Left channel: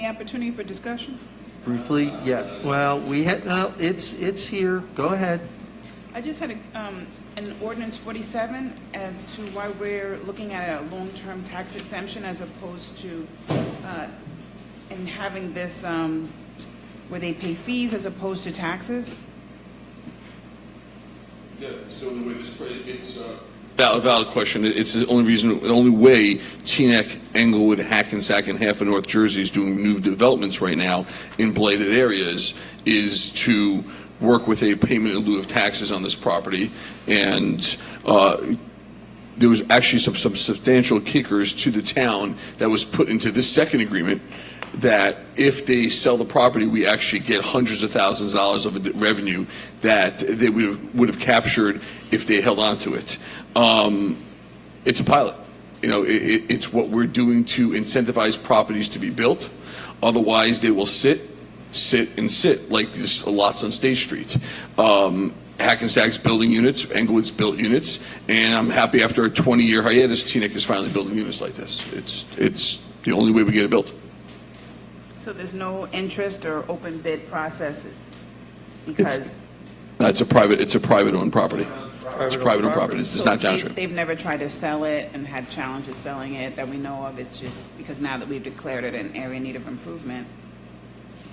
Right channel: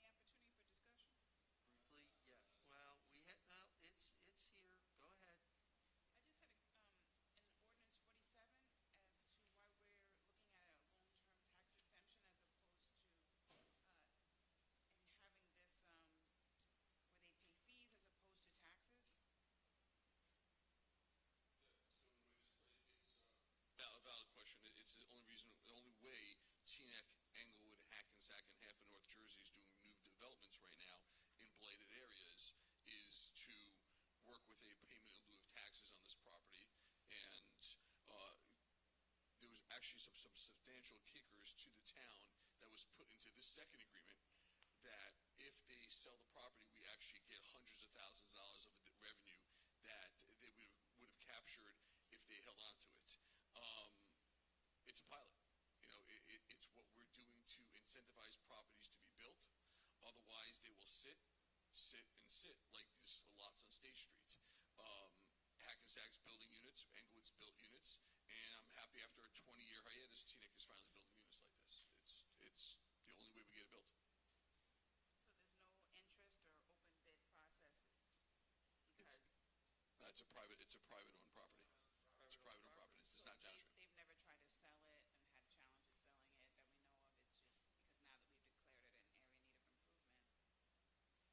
any opportunity for discussion? Briefly, yeah. Well, we had, no, it's here. Go ahead. I just had an ordinance 47 as to why we're looking at a long-term tax exemption as opposed to and having this where they pay fees as opposed to taxes. Yeah, so the way this, it's valid question. It's the only way Teaneck, Englewood, Hackensack, and half of North Jersey is doing new developments right now in blighted areas is to work with a payment in lieu of taxes on this property. And there was actually some substantial kickers to the town that was put into this second agreement that if they sell the property, we actually get hundreds of thousands of dollars of revenue that they would have captured if they held on to it. It's a pilot. You know, it's what we're doing to incentivize properties to be built. Otherwise, they will sit like these lots on State Street. Hackensack's building units, Englewood's built units, and I'm happy after a 20-year hiatus, Teaneck is finally building units like this. It's the only way we get it built. So there's no interest or open bid process because it's a private-owned property. It's private-owned property. It's not township. They've never tried to sell it and had challenges selling it that we know of. It's just because now that we've declared it an area in need of improvement.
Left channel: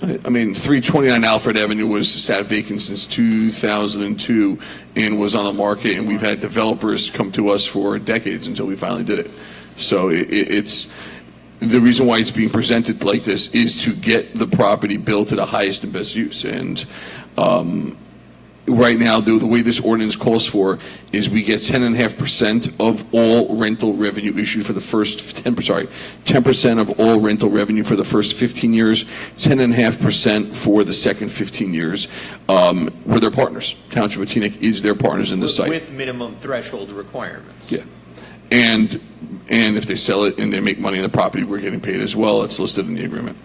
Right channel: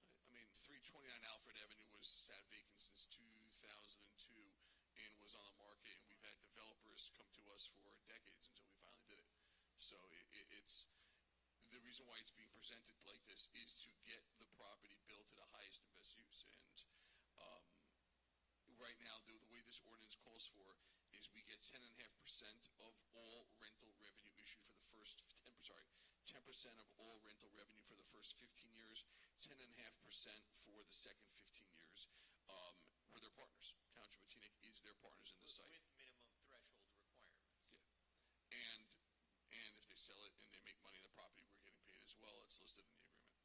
I mean, 329 Alfred Avenue was sat vacant since 2002 and was on the market, and we've had developers come to us for decades until we finally did it. So it's the reason why it's being presented like this is to get the property built to the highest and best use. And right now, the way this ordinance calls for is we get 10.5% of all rental revenue issued for the first 10% of all rental revenue for the first 15 years, 10.5% for the second 15 years. We're their partners. Township of Teaneck is their partners in the site. With minimum threshold requirements. Yeah. And if they sell it and they make money on the property, we're getting paid as well. It's listed in the agreement.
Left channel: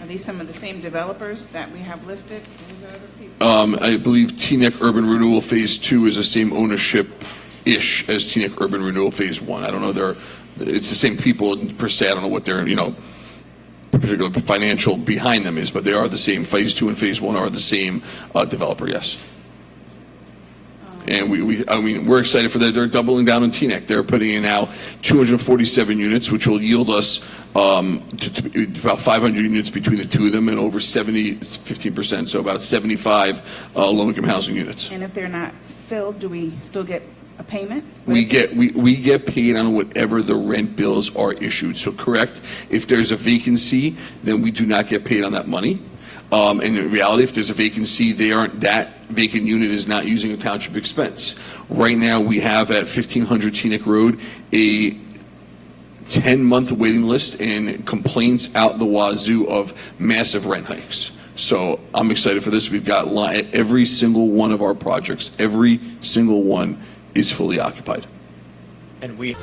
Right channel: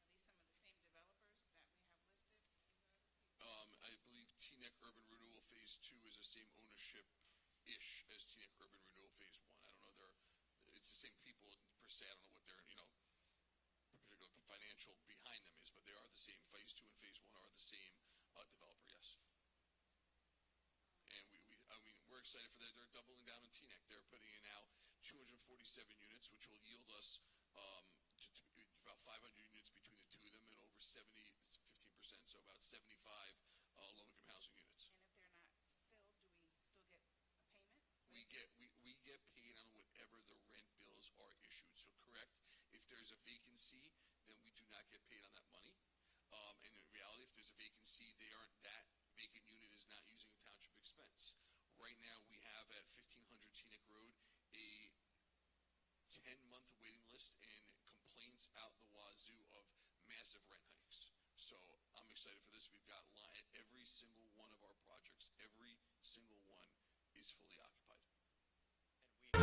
Are these some of the same developers that we have listed? These are other people? I believe Teaneck Urban Renewal Phase 2 is the same ownership-ish as Teaneck Urban Renewal Phase 1. I don't know. It's the same people per se. I don't know what their, particular financial behind them is, but they are the same. Phase 2 and Phase 1 are the same developer, yes. And we're excited for that. They're doubling down on Teaneck. They're putting in now 247 units, which will yield us about 500 units between the two of them, and over 15%, so about 75 low-income housing units. And if they're not filled, do we still get a payment? We get paid on whatever the rent bills are issued. So correct, if there's a vacancy, then we do not get paid on that money. And in reality, if there's a vacancy, that vacant unit is not using a township expense. Right now, we have at 1500 Teaneck Road a 10-month waiting list and complaints out the wazoo of massive rent hikes. So I'm excited for this. We've got every single one of our projects, every single one is fully occupied. And we